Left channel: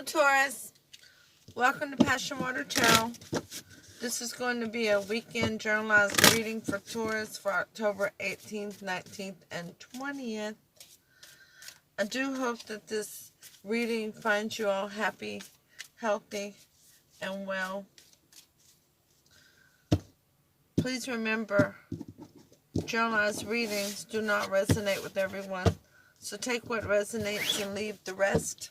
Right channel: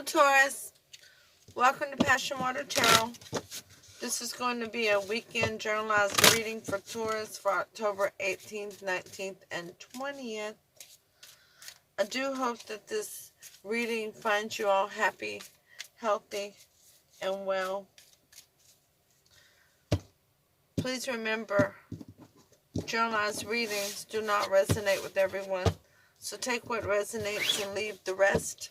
Hello, Taurus. Welcome to Passion Water Tarot. This is going to be a weekend journalized reading for Taurus for October 18th, 19th, and 20th. I do hope that this reading finds you all happy, healthy, and well. Please remember, journalized readings do not resonate with everyone. So take what resonates and leave the rest.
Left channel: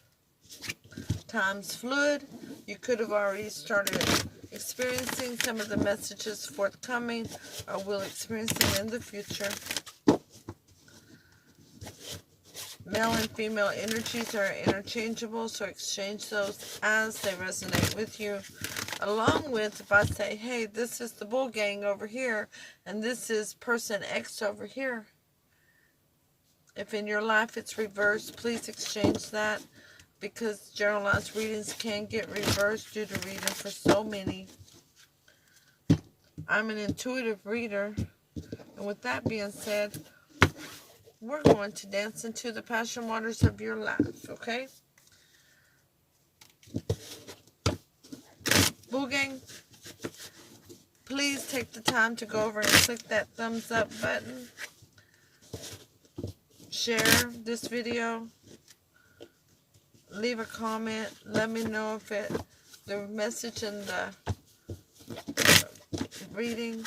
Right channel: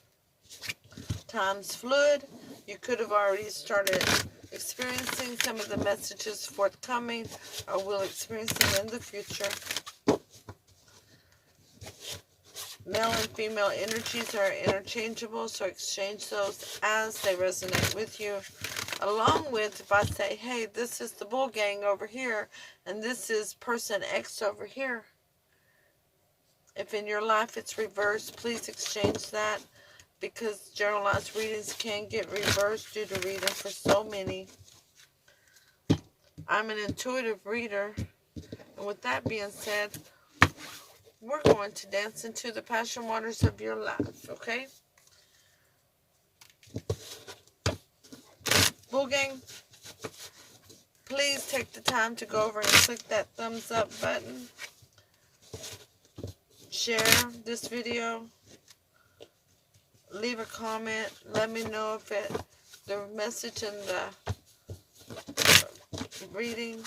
Time's fluid. You could have already started experiencing some of the messages forthcoming, or will experience them in the future. Male and female energies are interchangeable, so exchange those as they resonate with you. Along with, if I say, hey, this is the bull gang over here, and this is person X over here. If in your life it's reversed, please exchange that, because generalized readings can get reversed due to reading for so many. I'm an intuitive reader, and with that being said, we're going to dance into the passion waters of your life, okay? Bull gang, please take the time to go over and click that thumbs up button. Share this video. Leave a comment. Let me know if the message in the reading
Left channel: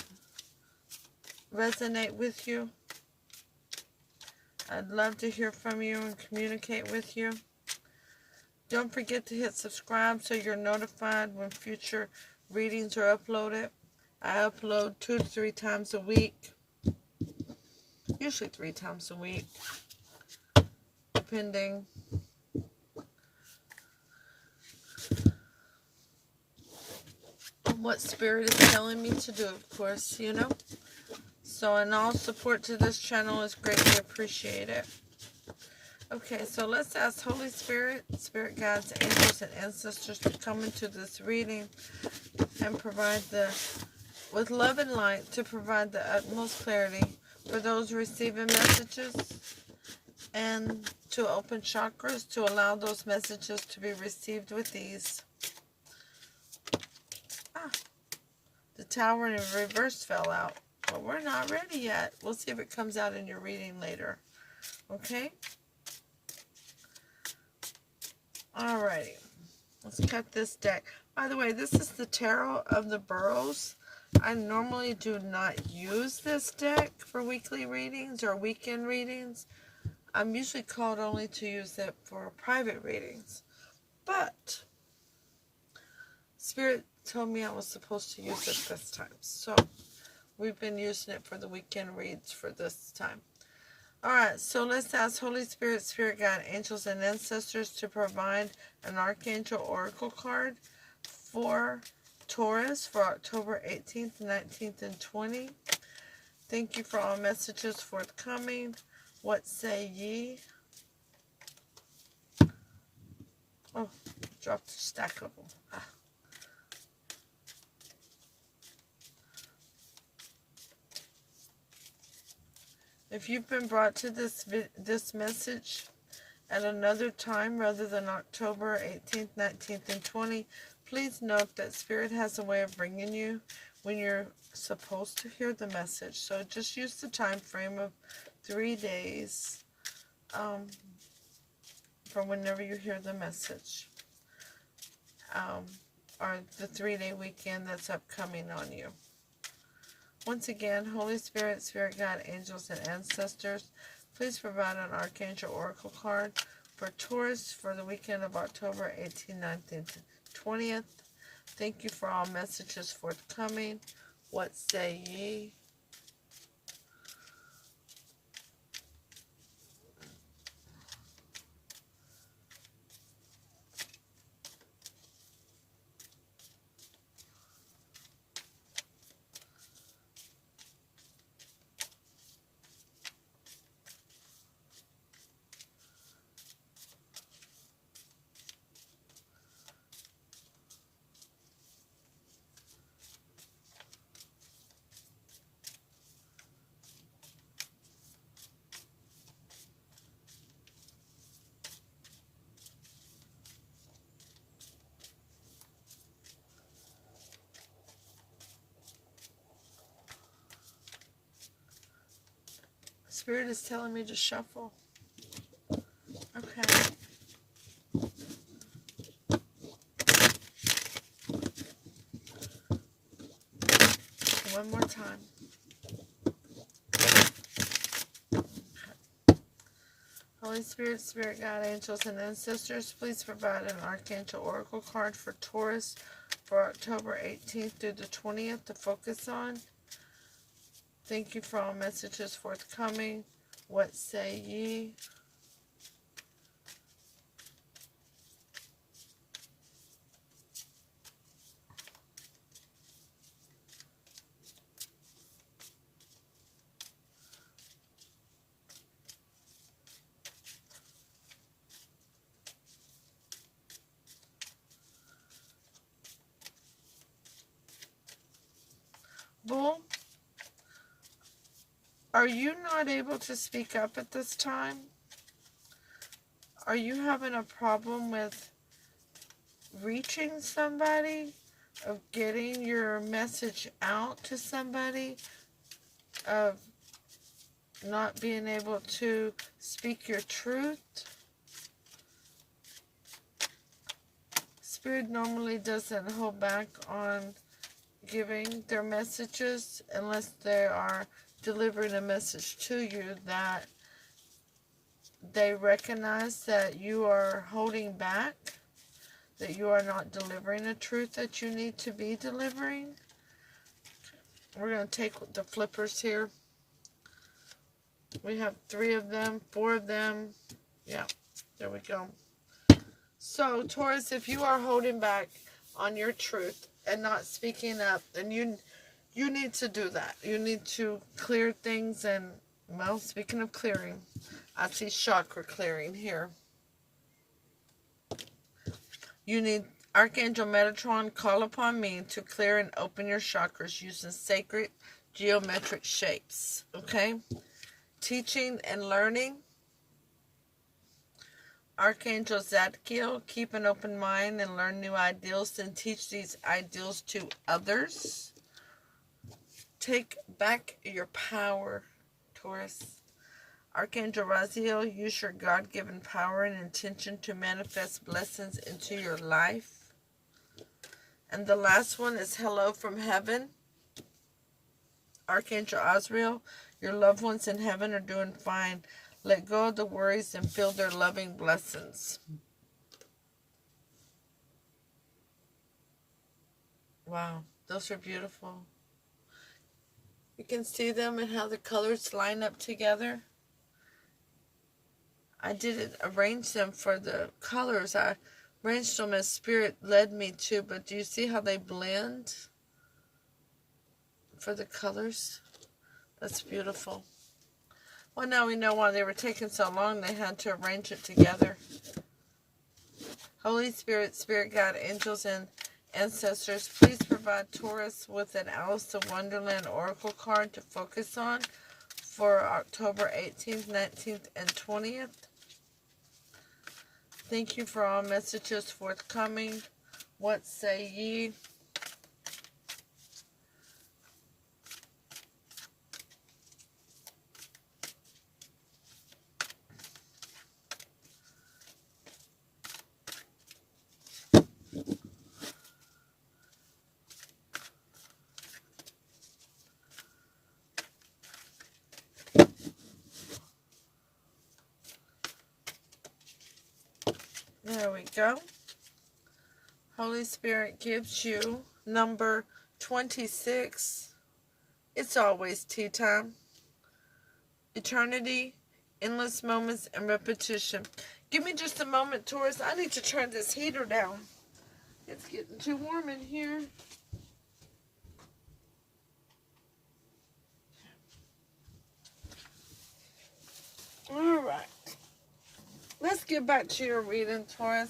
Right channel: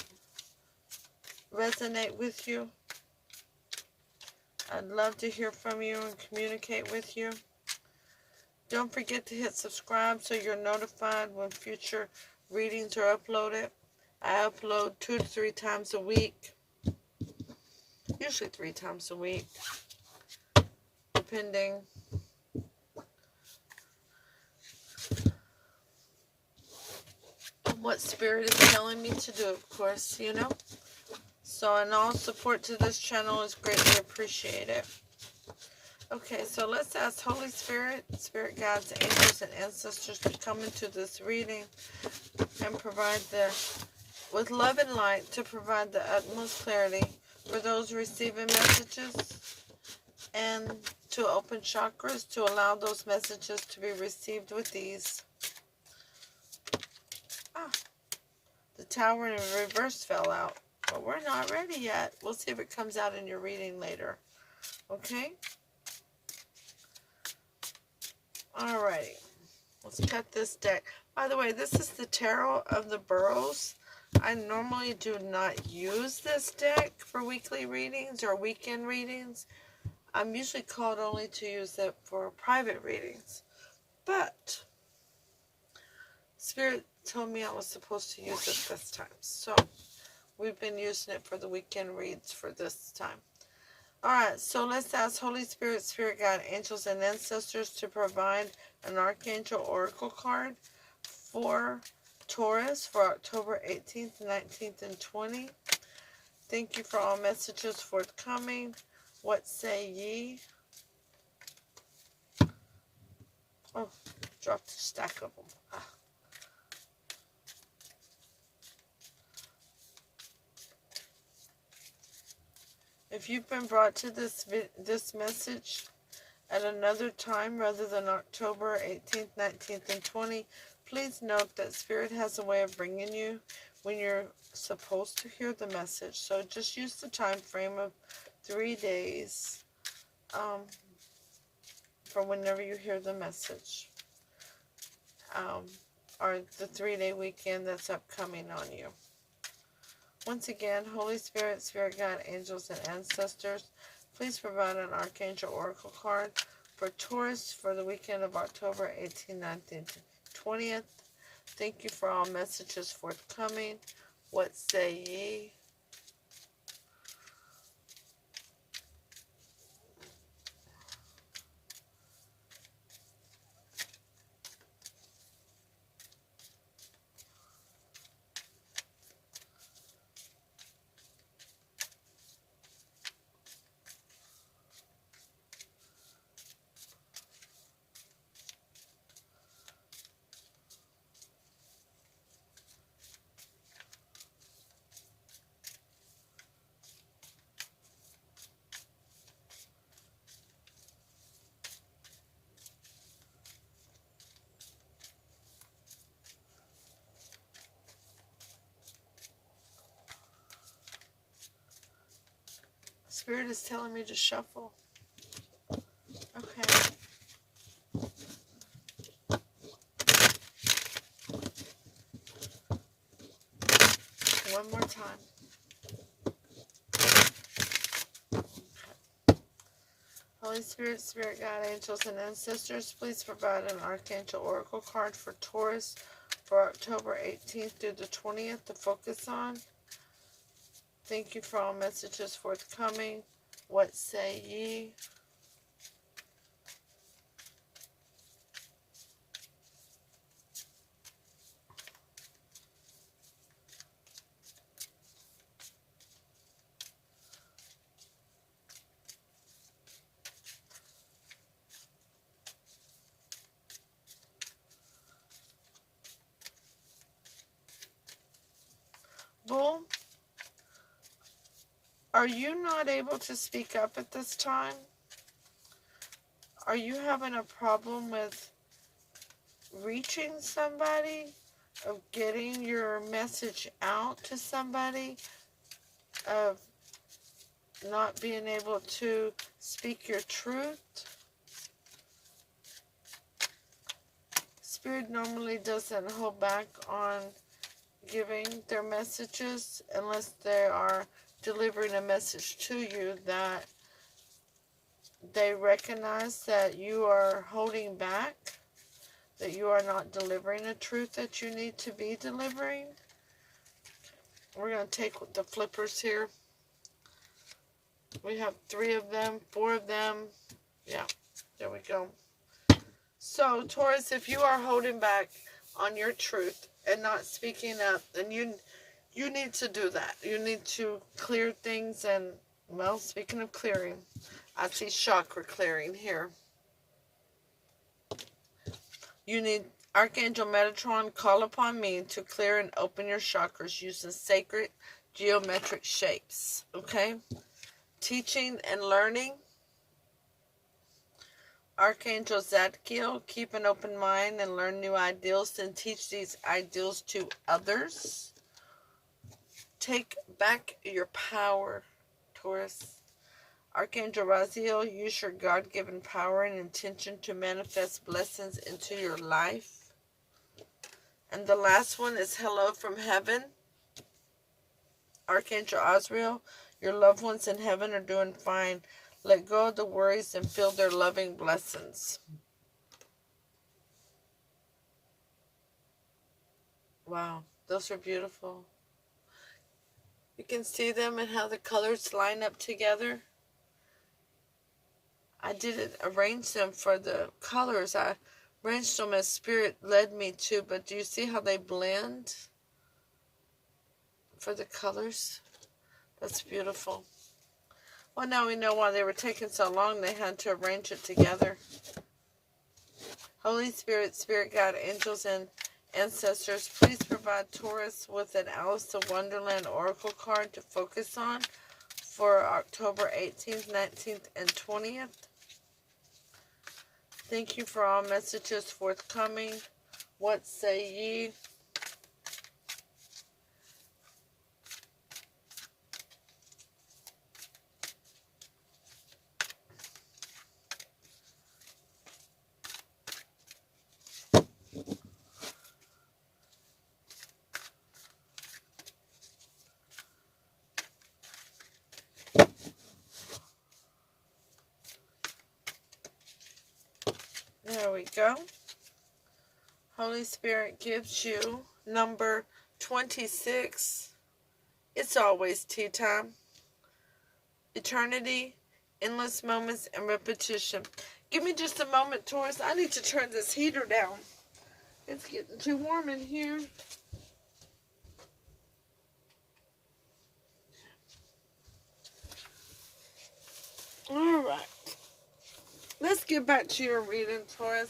resonate with you. I'd love to hear from you and communicate with you. Don't forget to hit subscribe so you're notified when future readings are uploaded. I upload 2 to 3 times a week. Usually 3 times a week, depending on what Spirit is telling me to do, of course, you know. So, and all support to this channel is greatly appreciated. Okay, so let's ask Holy Spirit, Spirit guides, angels, and ancestors to come into this reading and provide with love and light, to provide the utmost clarity for those receiving messages, and to open chakras to allow those messages to be received with ease. The Tower in reverse fell out. But we're not ready yet. We'll see if it comes out in your reading later. Okay? Alrighty. Let's cut this deck. By the way, this is the Tarot of the Burrows. I normally do not use this deck for weekly readings or weekend readings. I'm usually called only to use it for private readings. But Spirit told me I was supposed to use it this time. So we've been using it for the weekend reads for this time. Alright, so let's ask Holy Spirit, Spirit Guide, Angels, and Ancestors to provide an Archangel Oracle card for Taurus for October 18th, 19th, and 20th. Thank you for all messages forthcoming. What say ye? Oh, dropped a stack of them. If you've been brought to this message at another time rather than October 18th, 19th, and 20th, please note that Spirit has a way of bringing you when you're supposed to hear the message. So just use the time frame of 3 days from whenever you hear the message, or the 3-day weekend that's upcoming on you. Once again, Holy Spirit, Spirit Guide, Angels, and Ancestors, please provide an Archangel Oracle card for Taurus for the weekend of October 18th, 19th, 20th. Thank you for all messages forthcoming. What say ye? Spirit is telling me to shuffle. Okay. One more time. Holy Spirit, Spirit Guide, Angels, and Ancestors, please provide an Archangel Oracle card for Taurus for October 18th through the 20th to focus on. Thank you for all messages forthcoming. What say ye? Bull, are you not able to speak up at this time? Are you having a problem with reaching somebody? Of getting your message out to somebody? Of not being able to speak your truth? Spirit normally doesn't hold back on giving their messages unless they are delivering a message to you that they recognize that you are holding back, that you are not delivering the truth that you need to be delivering. We're going to take the flippers here. We have 3 of them, 4 of them. Yeah, there we go. So, Taurus, if you are holding back on your truth and not speaking up, then you need to do that. You need to clear things. And, well, speaking of clearing, I see chakra clearing here. You need Archangel Metatron, call upon me to clear and open your chakras using sacred geometric shapes. Okay? Teaching and learning. Archangel Zadkiel, keep an open mind and learn new ideals and teach these ideals to others. Take back your power, Taurus. Archangel Raziel, use your God-given power and intention to manifest blessings into your life. And the last one is hello from heaven. Archangel Azrael, your loved ones in heaven are doing fine. Let go of the worries and feel their loving blessings. Wow, those are beautiful. You can see them and how the colors line up together. I didn't arrange them for the colors. I arranged them as Spirit led me to, but do you see how they blend for the colors? That's beautiful. Well, now we know why they were taking so long. They had to arrange it together. Holy Spirit, Spirit Guide, Angels, and Ancestors, please provide Taurus with an Alice of Wonderland Oracle card to focus on for October 18th, 19th, and 20th. Thank you for all messages forthcoming. What say ye? There we go. Holy Spirit gives you number 26. It's always tea time. Eternity, endless moments, and repetition. Give me just a moment, Taurus. I need to turn this heater down. It's getting too warm in here. All right. Let's get back to your reading, Taurus.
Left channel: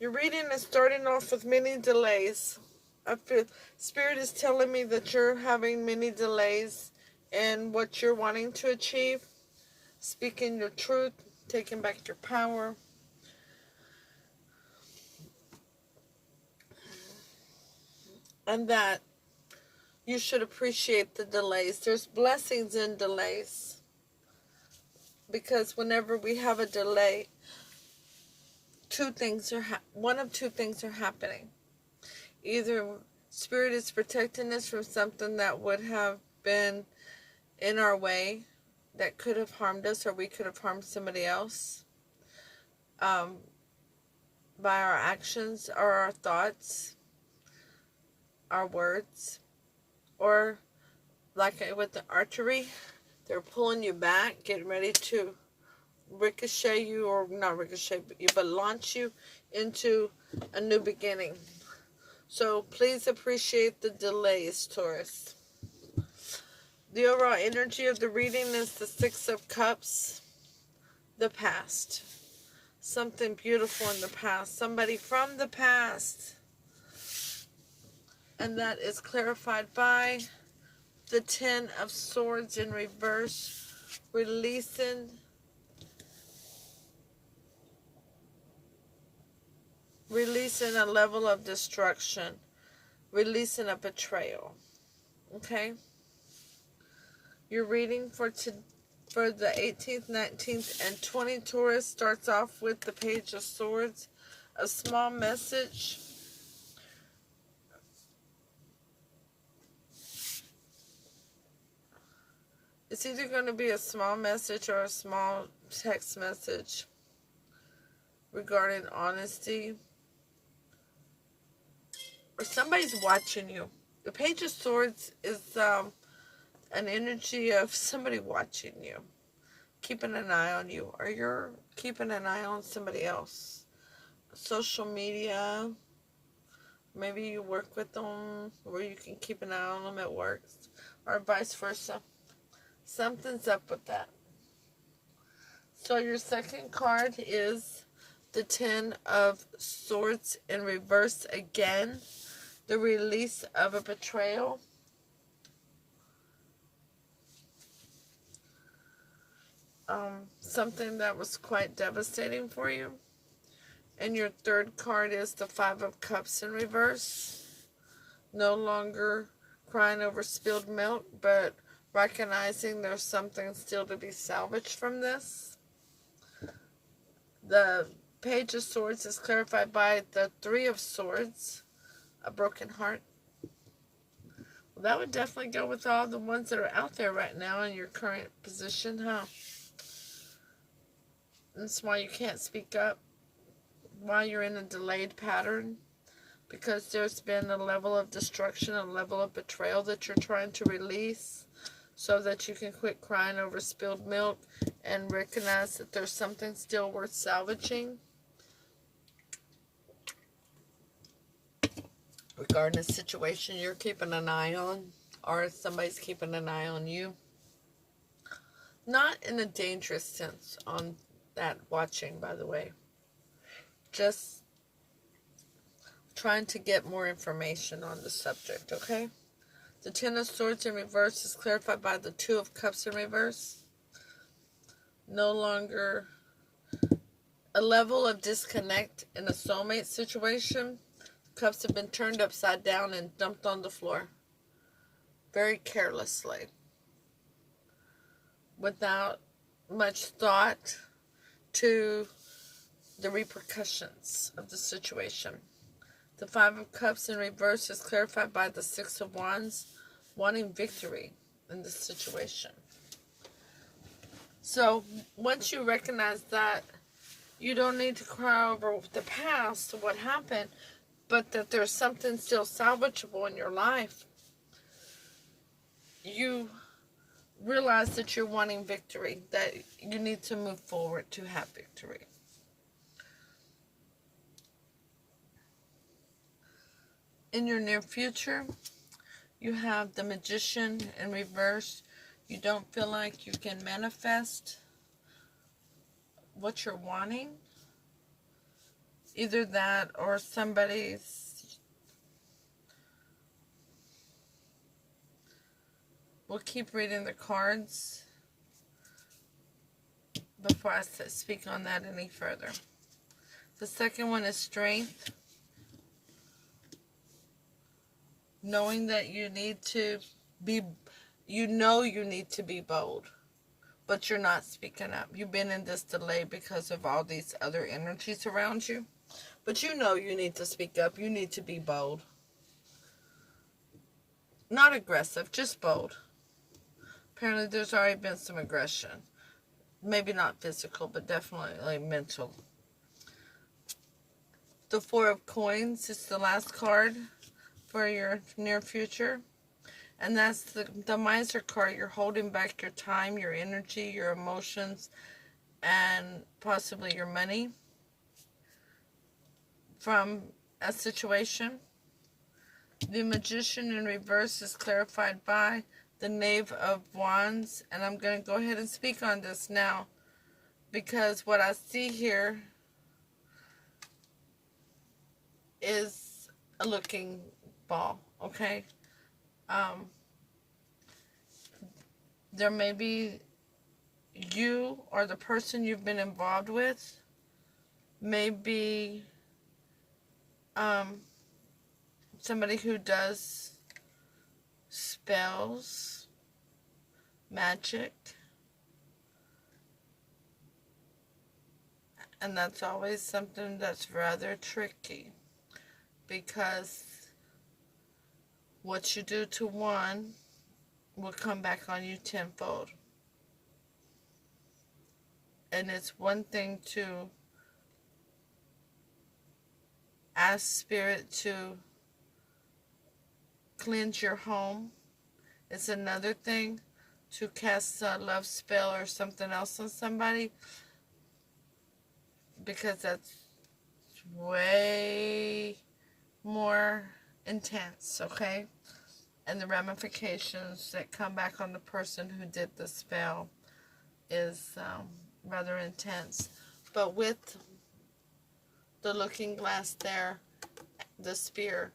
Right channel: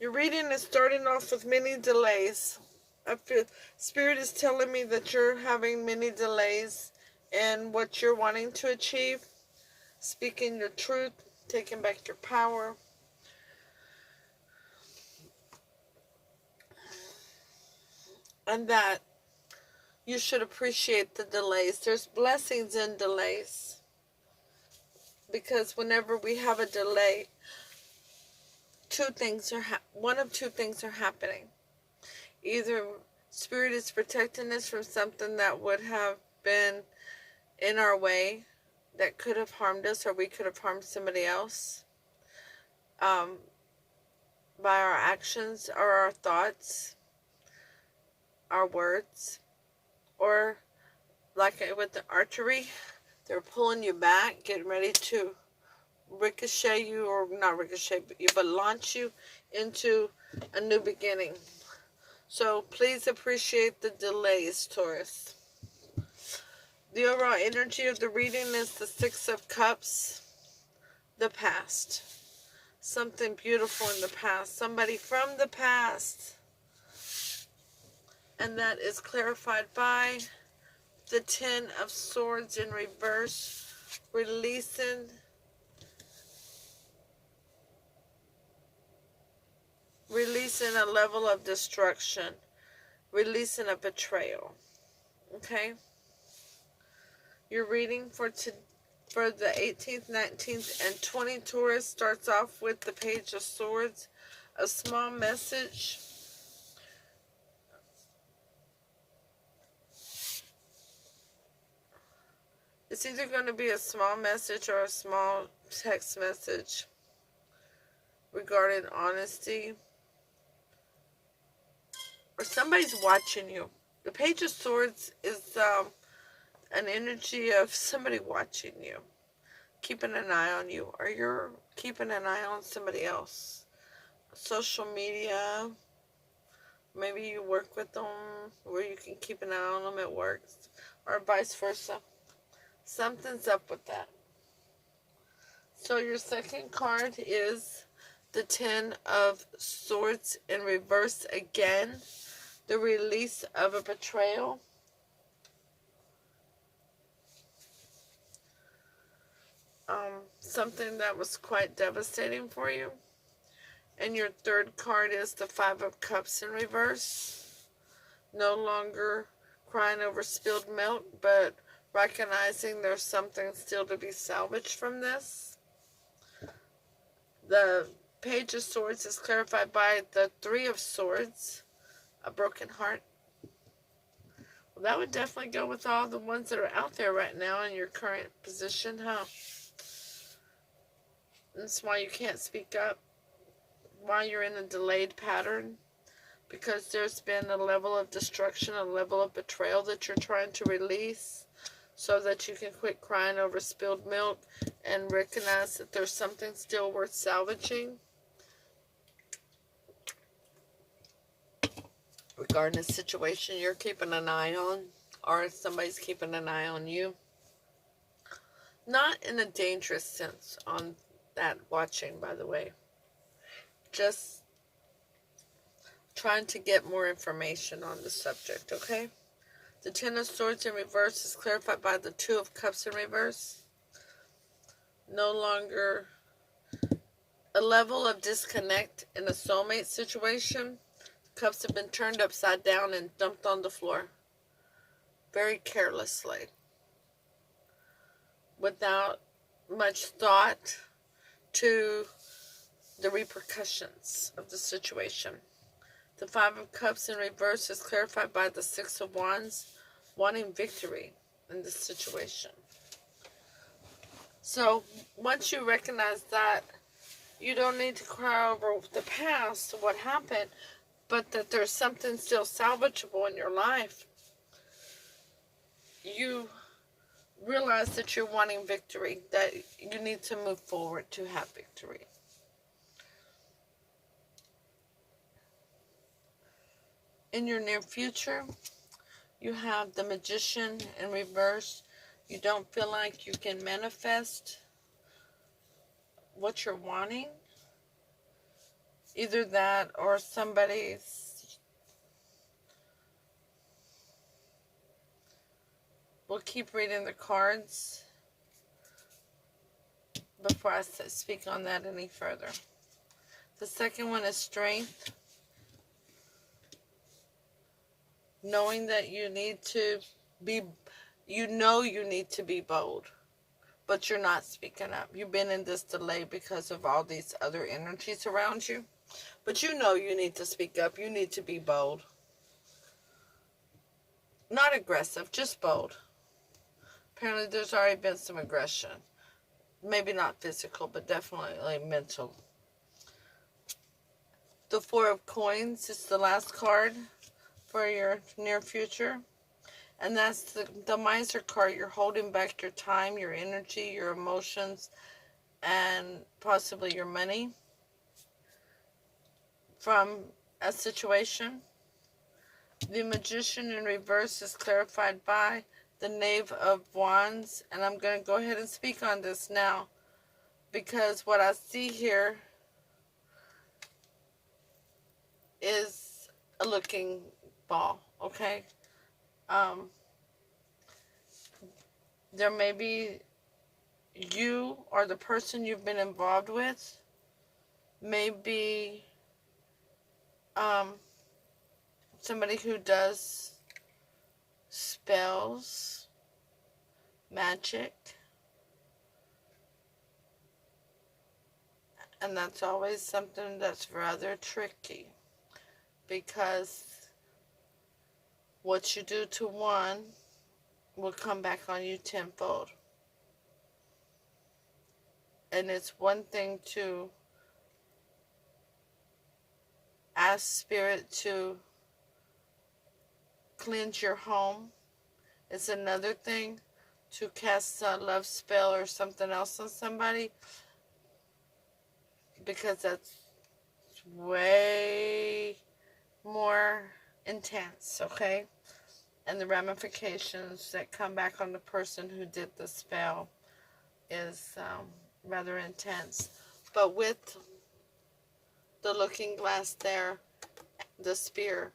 Your reading is starting off with many delays. I feel Spirit is telling me that you're having many delays in what you're wanting to achieve. Speaking your truth, taking back your power. And that you should appreciate the delays. There's blessings in delays. Because whenever we have a delay, one of two things are happening. Either Spirit is protecting us from something that would have been in our way that could have harmed us, or we could have harmed somebody else by our actions or our thoughts, our words, or like with the archery, they're pulling you back, getting ready to ricochet you, or not ricochet you, but launch you into a new beginning. So please appreciate the delays, Taurus. The overall energy of the reading is the Six of Cups, the past. Something beautiful in the past, somebody from the past. And that is clarified by the Ten of Swords in reverse, releasing a level of destruction, releasing a betrayal. Okay? Your reading for the 18th, 19th, and 20th Taurus starts off with the Page of Swords, a small message. It's either going to be a small message or a small text message regarding honesty. Or somebody's watching you. The Page of Swords is an energy of somebody watching you, keeping an eye on you, or you're keeping an eye on somebody else. Social media, maybe you work with them where you can keep an eye on them at work, or vice versa. Something's up with that. So your second card is the Ten of Swords in reverse again. The release of a betrayal. Something that was quite devastating for you. And your third card is the Five of Cups in reverse. No longer crying over spilled milk, but recognizing there's something still to be salvaged from this. The Page of Swords is clarified by the Three of Swords, a broken heart. Well, that would definitely go with all the ones that are out there right now in your current position, huh? That's why you can't speak up, why you're in a delayed pattern, because there's been a level of destruction, a level of betrayal that you're trying to release so that you can quit crying over spilled milk and recognize that there's something still worth salvaging regarding a situation you're keeping an eye on, or somebody's keeping an eye on you. Not in a dangerous sense on that watching, by the way. Just trying to get more information on the subject, okay? The Ten of Swords in reverse is clarified by the Two of Cups in reverse. No longer a level of disconnect in a soulmate situation. Cups have been turned upside down and dumped on the floor. Very carelessly. Without much thought to the repercussions of the situation. The Five of Cups in reverse is clarified by the Six of Wands, wanting victory in this situation. So, once you recognize that, you don't need to cry over the past, what happened, but that there's something still salvageable in your life. You realize that you're wanting victory, that you need to move forward to have victory. In your near future, you have the Magician in reverse. You don't feel like you can manifest what you're wanting. Either that or somebody's... We'll keep reading the cards before I speak on that any further. The second one is Strength. knowing that you need to be, you need to be bold, but you're not speaking up. You've been in this delay because of all these other energies around you, but you need to speak up. You need to be bold. Not aggressive, just bold. Apparently there's already been some aggression. Maybe not physical, but definitely mental. The Four of Coins is the last card for your near future. And that's the Miser card. You're holding back your time, your energy, your emotions, and possibly your money from a situation. The Magician in reverse is clarified by the Knave of Wands. And I'm going to go ahead and speak on this now, because what I see here is a looking ball, okay? There may be you or the person you've been involved with may be somebody who does spells, magic, and that's always something that's rather tricky, because what you do to one will come back on you tenfold. And it's one thing to ask Spirit to cleanse your home. It's another thing to cast a love spell or something else on somebody, because that's way more intense, okay? And the ramifications that come back on the person who did the spell is rather intense. But with the looking glass there, the spear,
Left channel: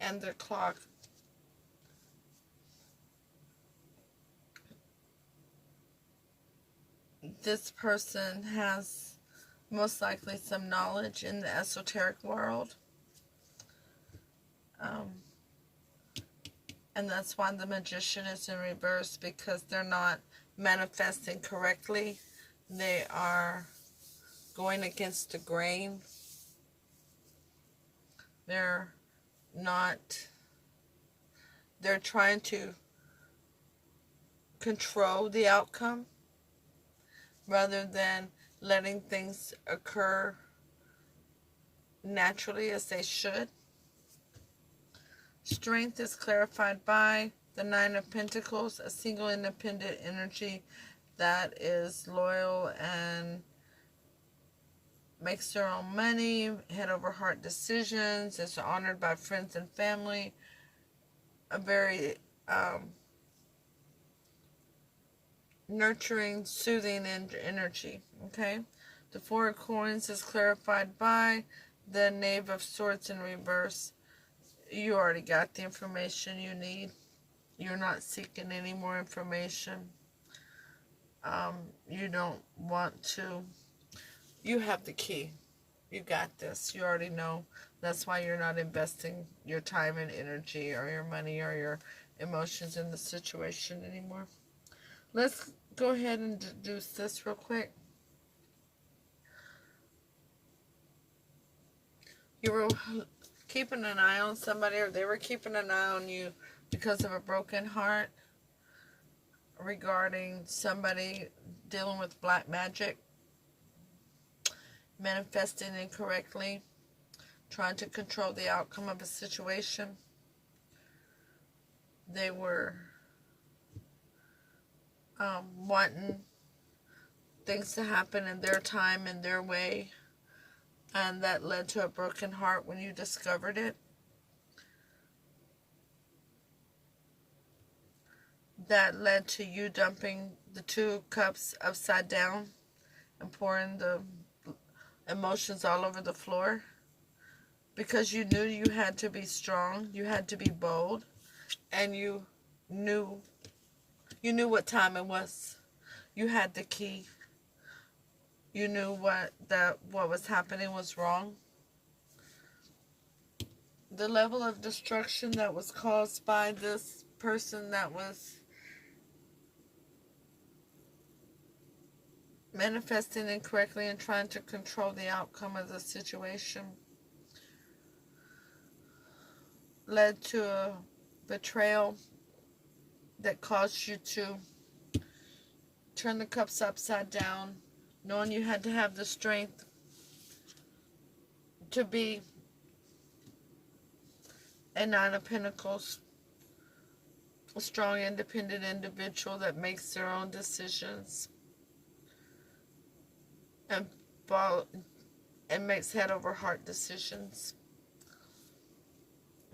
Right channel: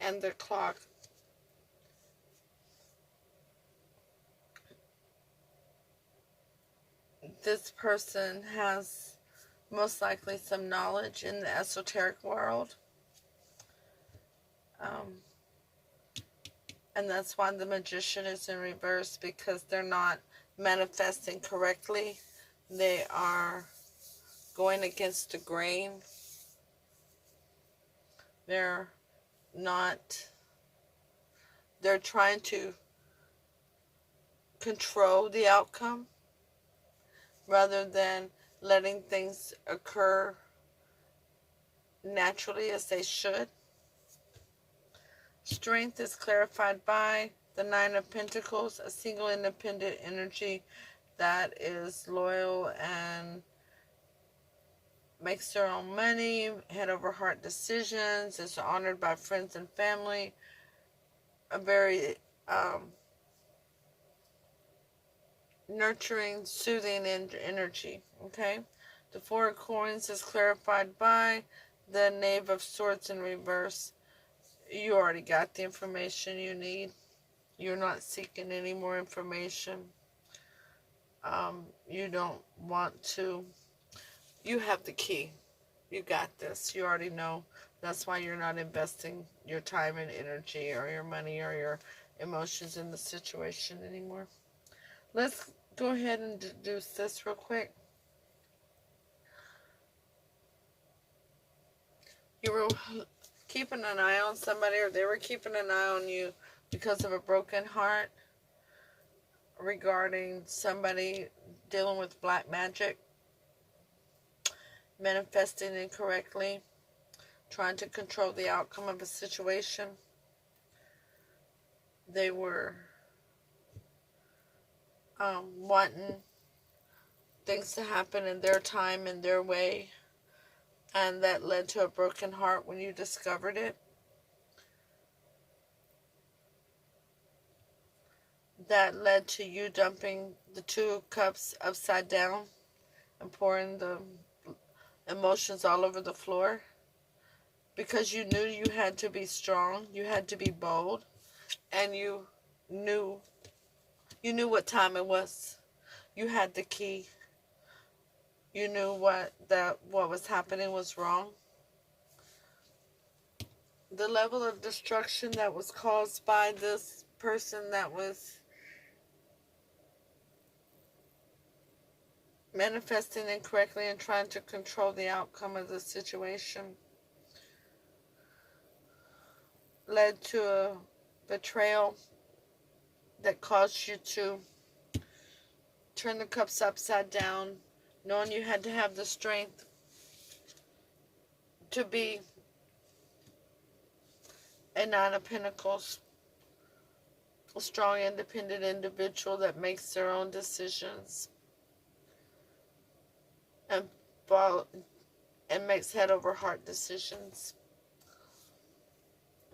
and the clock, this person has most likely some knowledge in the esoteric world. And that's why the Magician is in reverse, because they're not manifesting correctly. They are going against the grain. They're trying to control the outcome rather than letting things occur naturally as they should. Strength is clarified by the Nine of Pentacles, a single independent energy that is loyal and makes their own money, head over heart decisions, is honored by friends and family, a very nurturing, soothing energy, okay? The Four of Coins is clarified by the Knave of Swords in reverse. You already got the information you need. You're not seeking any more information. You don't want to. You have the key. You got this. You already know. That's why you're not investing your time and energy or your money or your emotions in the situation anymore. Let's go ahead and do this real quick. You were keeping an eye on somebody, or they were keeping an eye on you because of a broken heart regarding somebody dealing with black magic, manifesting incorrectly, trying to control the outcome of a situation. They were wanting things to happen in their time and their way, and that led to a broken heart when you discovered it. That led to you dumping the 2 cups upside down and pouring the emotions all over the floor, because you knew you had to be strong, you had to be bold, and you knew what time it was. You had the key. You knew what was happening was wrong. the level of destruction that was caused by this person that was manifesting incorrectly and trying to control the outcome of the situation led to a betrayal that caused you to turn the cups upside down, knowing you had to have the strength to be a Nine of Pentacles, a strong, independent individual that makes their own decisions and makes head over heart decisions,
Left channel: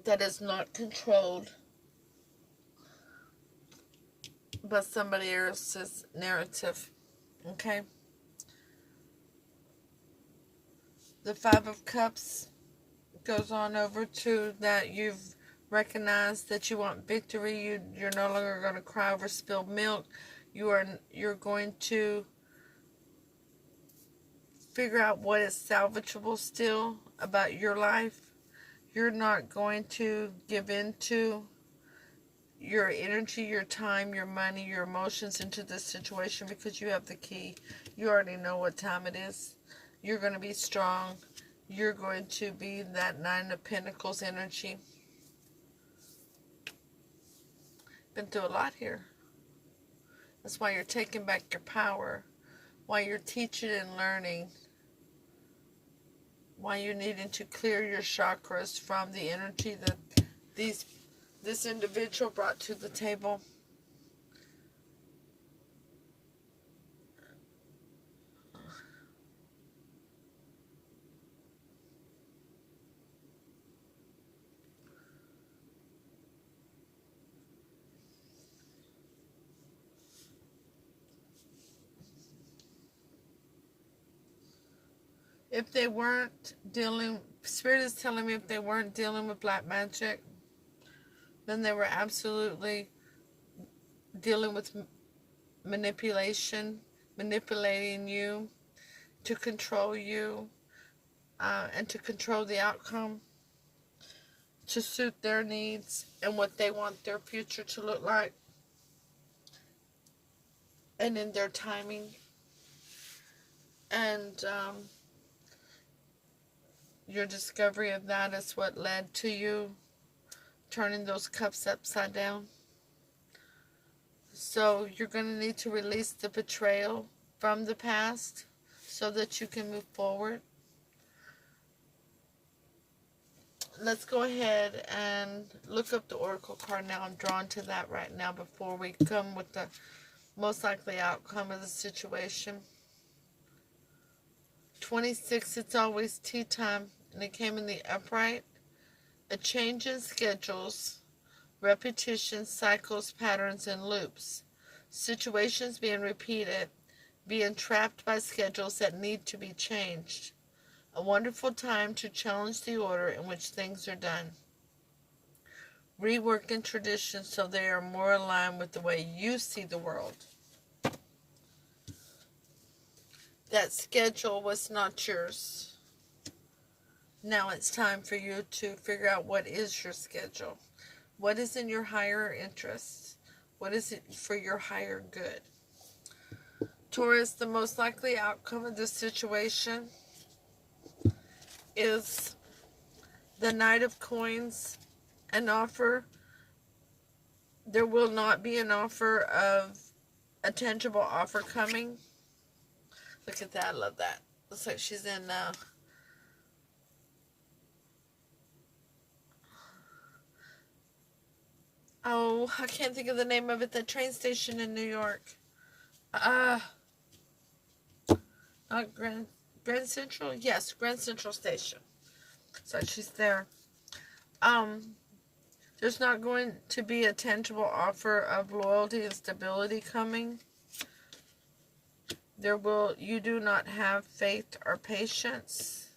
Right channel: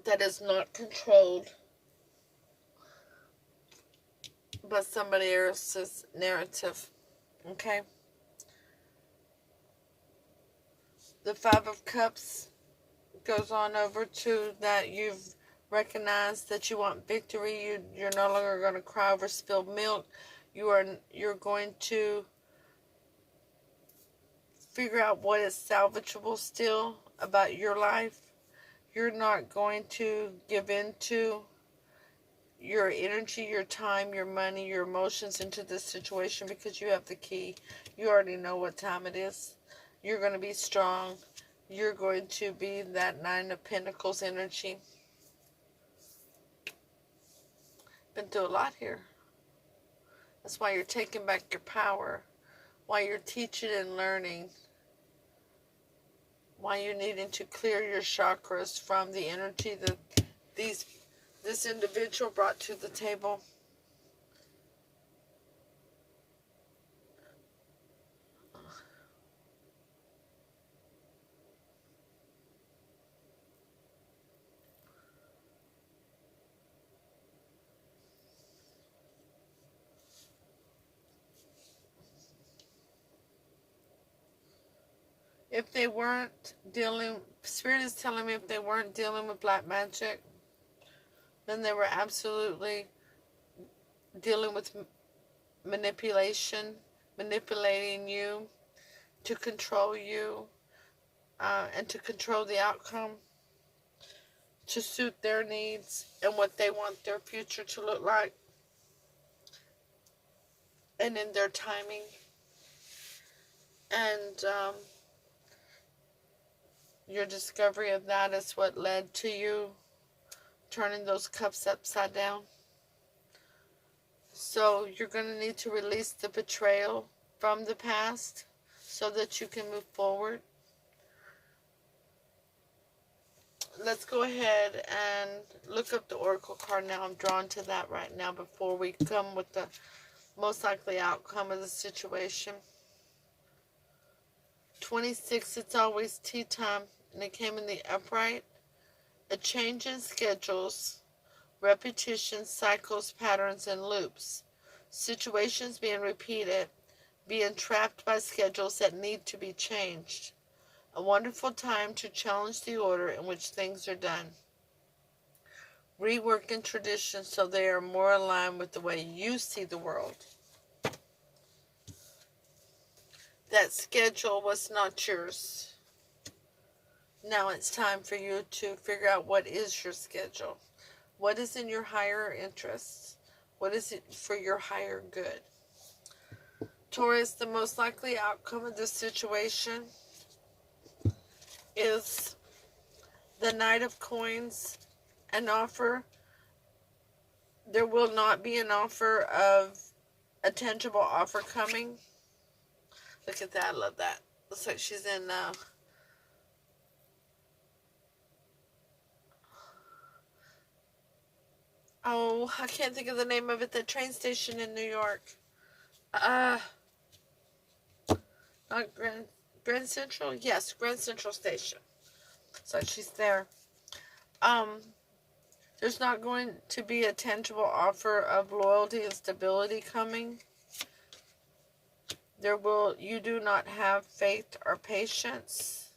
that is not controlled by somebody else's narrative. Okay? The Five of Cups goes on over to that you've recognized that you want victory. You're no longer going to cry over spilled milk. You're going to figure out what is salvageable still about your life. You're not going to give in to your energy, your time, your money, your emotions into this situation because you have the key. You already know what time it is. You're going to be strong. You're going to be that Nine of Pentacles energy. Been through a lot here. That's why you're taking back your power. Why you're teaching and learning. Why you're needing to clear your chakras from the energy that this individual brought to the table. If they weren't dealing, Spirit is telling me if they weren't dealing with black magic, then they were absolutely dealing with manipulation, manipulating you to control you and to control the outcome, to suit their needs and what they want their future to look like, and in their timing. And your discovery of that is what led to you turning those cups upside down. So you're going to need to release the betrayal from the past so that you can move forward. Let's go ahead and look up the Oracle card now. I'm drawn to that right now before we come with the most likely outcome of the situation. 26, it's always tea time, and it came in the upright. A change in schedules, repetition, cycles, patterns, and loops. Situations being repeated, being trapped by schedules that need to be changed. A wonderful time to challenge the order in which things are done. Reworking traditions so they are more aligned with the way you see the world. That schedule was not yours. Now it's time for you to figure out what is your schedule. What is in your higher interests? What is it for your higher good? Taurus, the most likely outcome of this situation is the Knight of Coins, an offer. There will not be an offer of a tangible offer coming. Look at that. I love that. Looks like she's in oh, I can't think of the name of it. The train station in New York. Not Grand Central? Yes, Grand Central Station. So she's there. There's not going to be a tangible offer of loyalty and stability coming. You do not have faith or patience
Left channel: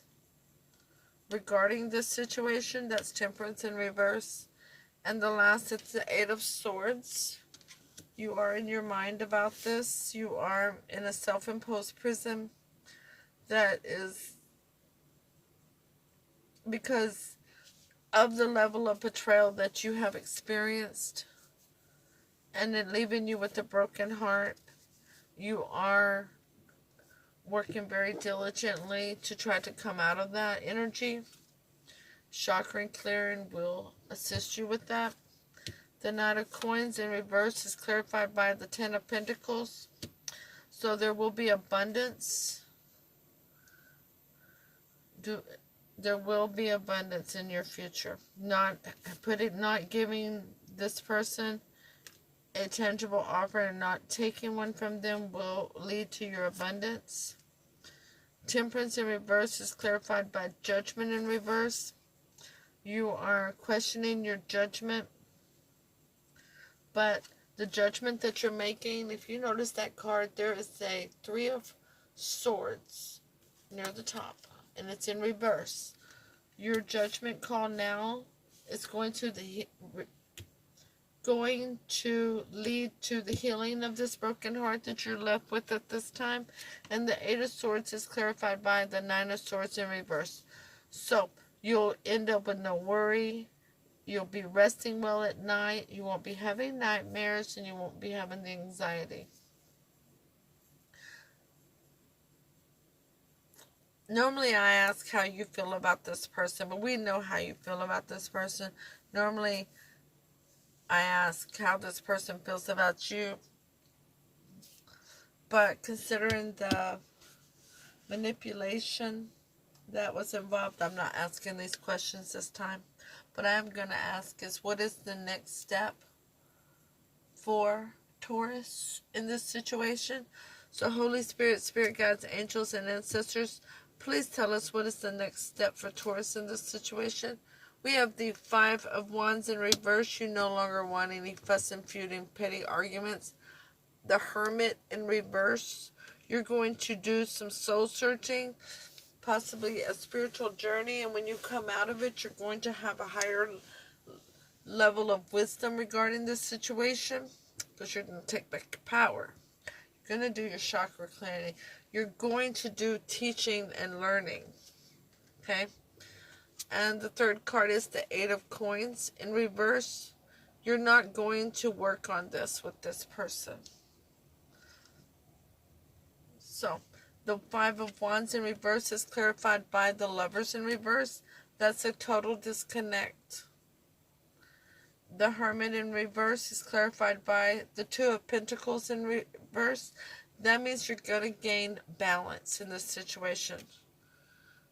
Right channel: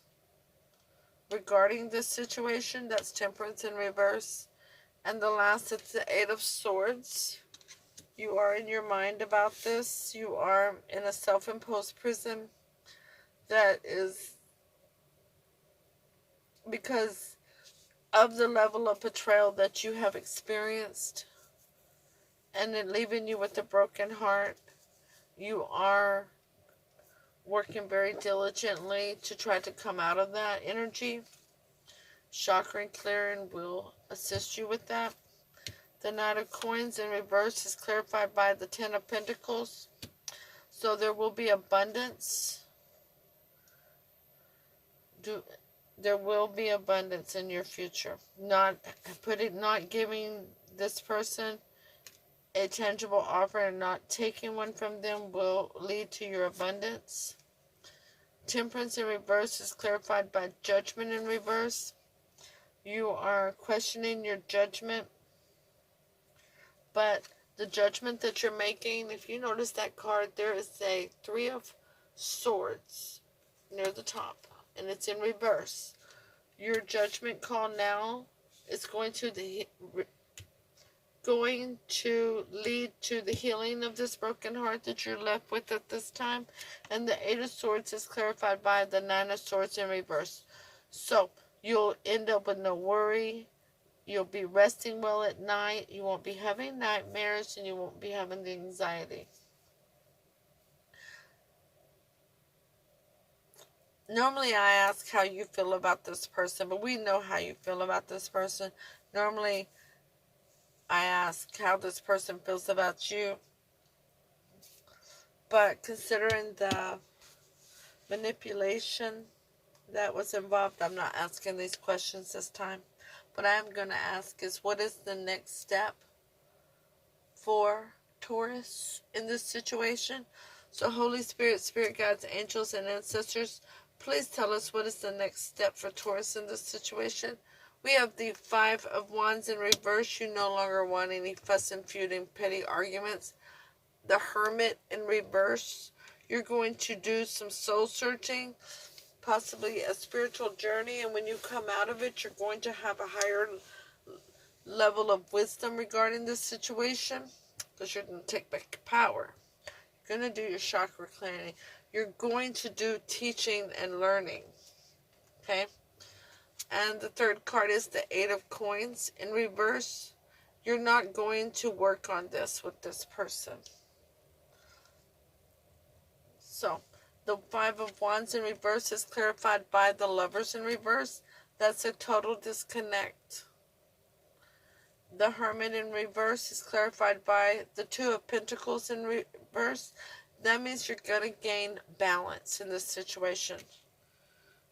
regarding this situation. That's Temperance in reverse. And the last, it's the Eight of Swords. You are in your mind about this. You are in a self-imposed prison that is because of the level of betrayal that you have experienced and it leaving you with a broken heart. You are working very diligently to try to come out of that energy. Chakra clearing will assist you with that. The Knight of Coins in reverse is clarified by the Ten of Pentacles. So there will be abundance. There will be abundance in your future. Not giving this person a tangible offer and not taking one from them will lead to your abundance. Temperance in reverse is clarified by Judgment in reverse. You are questioning your judgment, but the judgment that you're making, if you notice that card, there is a Three of Swords near the top, and it's in reverse. Your judgment call now is going to lead to the healing of this broken heart that you're left with at this time. And the Eight of Swords is clarified by the Nine of Swords in reverse. So you'll end up with no worry. You'll be resting well at night. You won't be having nightmares, and you won't be having the anxiety. Normally I ask how you feel about this person, but we know how you feel about this person. Normally I ask how this person feels about you. But considering the manipulation that was involved, I'm not asking these questions this time. What I'm going to ask is, what is the next step for Taurus in this situation? So Holy Spirit, Spirit Guides, Angels, and Ancestors, please tell us what is the next step for Taurus in this situation. We have the Five of Wands in reverse. You no longer want any fuss and feuding, petty arguments. The Hermit in reverse. You're going to do some soul searching, possibly a spiritual journey, and when you come out of it, you're going to have a higher level of wisdom regarding this situation, because you're going to take back your power. You're going to do your chakra clearing. You're going to do teaching and learning. Okay? And the third card is the Eight of Coins in reverse. You're not going to work on this with this person. So, the Five of Wands in reverse is clarified by the Lovers in reverse. That's a total disconnect. The Hermit in reverse is clarified by the Two of Pentacles in reverse. That means you're going to gain balance in this situation.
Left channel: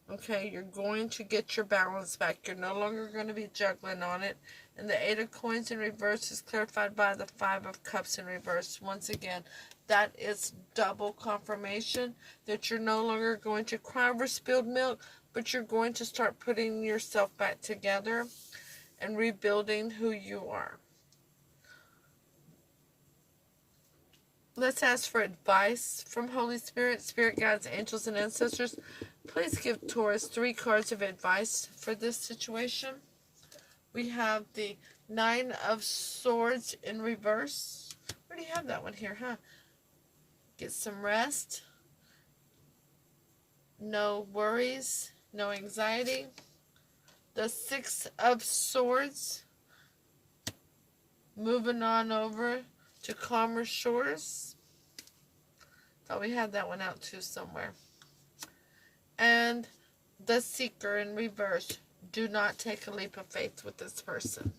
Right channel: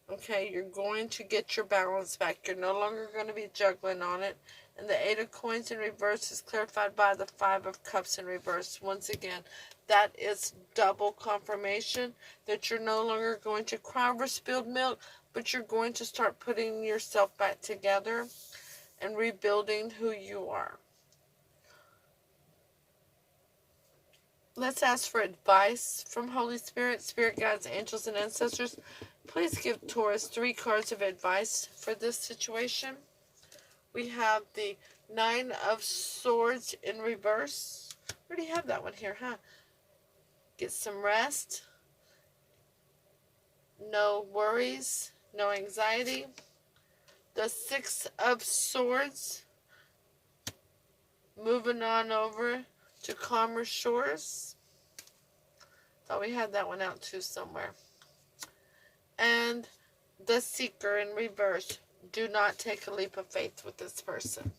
Okay, you're going to get your balance back. You're no longer going to be juggling on it. And the Eight of Coins in reverse is clarified by the Five of Cups in reverse. Once again, that is double confirmation that you're no longer going to cry over spilled milk, but you're going to start putting yourself back together and rebuilding who you are. Let's ask for advice from Holy Spirit, Spirit Guides, Angels, and Ancestors. Please give Taurus 3 cards of advice for this situation. We have the Nine of Swords in reverse. Where do you have that one here, huh? Get some rest. No worries. No anxiety. The Six of Swords. Moving on over to calmer shores. Thought we had that one out too somewhere. And the Seeker in reverse. Do not take a leap of faith with this person.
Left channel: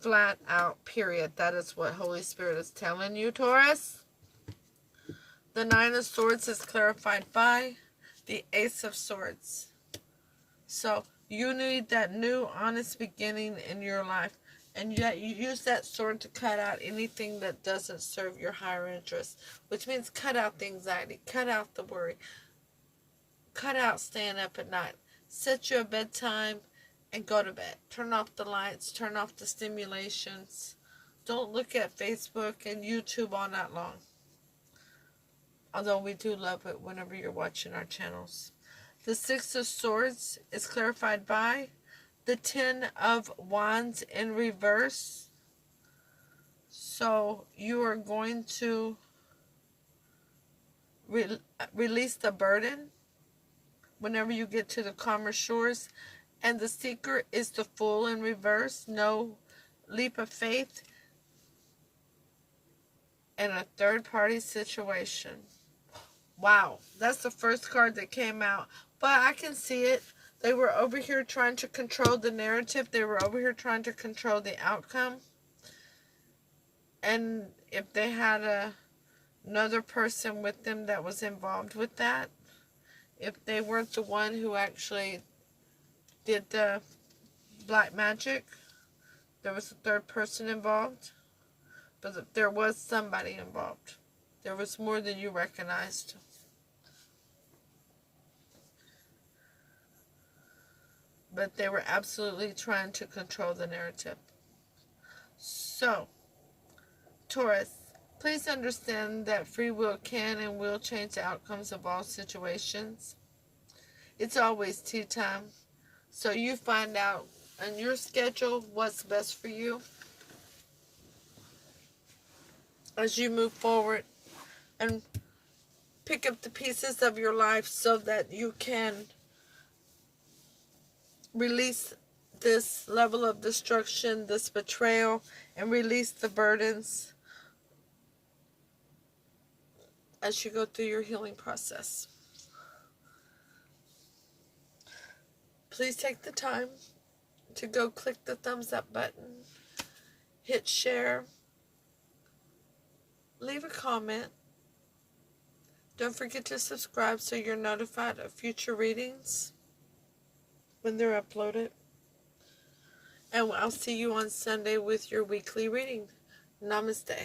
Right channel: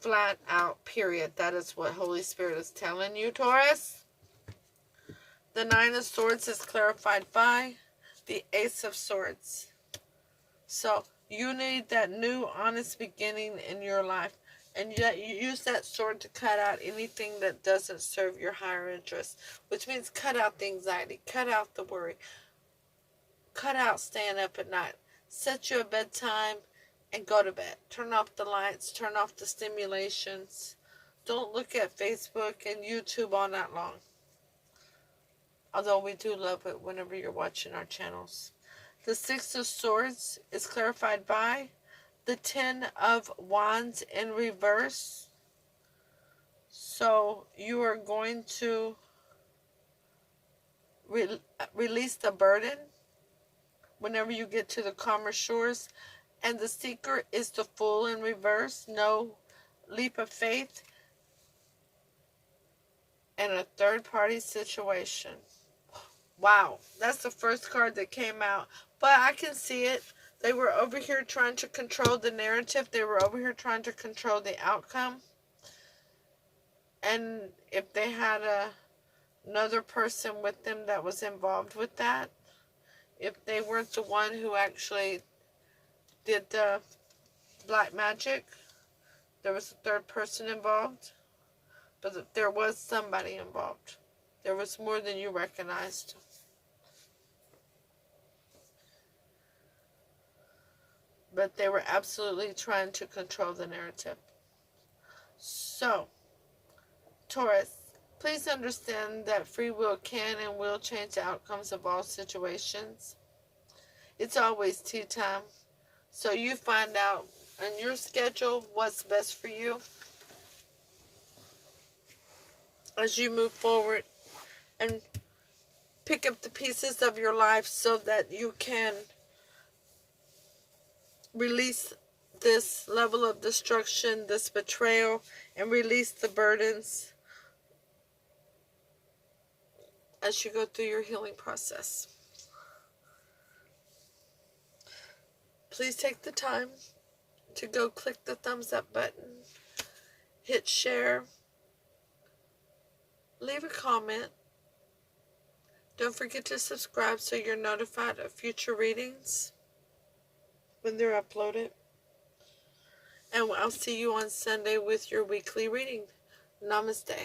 Flat out, period. That is what Holy Spirit is telling you, Taurus. The Nine of Swords is clarified by the Ace of Swords. So you need that new, honest beginning in your life. And yet you use that sword to cut out anything that doesn't serve your higher interest. Which means cut out the anxiety. Cut out the worry. Cut out staying up at night. Set you a bedtime and go to bed. Turn off the lights. Turn off the stimulations. Don't look at Facebook and YouTube all night long. Although we do love it whenever you're watching our channels. The Six of Swords is clarified by the Ten of Wands in reverse. So you are going to release the burden whenever you get to the calmer shores. And the Seeker is the Fool in reverse. No leap of faith. And a third-party situation. Wow, that's the first card that came out. But I can see it. They were over here trying to control the narrative. They were over here trying to control the outcome. And if they had another person with them that was involved with that, if they weren't the one who actually did the black magic, there was a third person involved. But there was somebody involved. There was more than you recognized. But they were absolutely trying to control the narrative. So, Taurus, please understand that free will can and will change the outcomes of all situations. It's always tea time. So you find out on your schedule what's best for you as you move forward and pick up the pieces of your life so that you can release this level of destruction, this betrayal, and release the burdens as you go through your healing process. Please take the time to go click the thumbs up button, hit share, leave a comment. Don't forget to subscribe so you're notified of future readings when they're uploaded. And I'll see you on Sunday with your weekly reading. Namaste.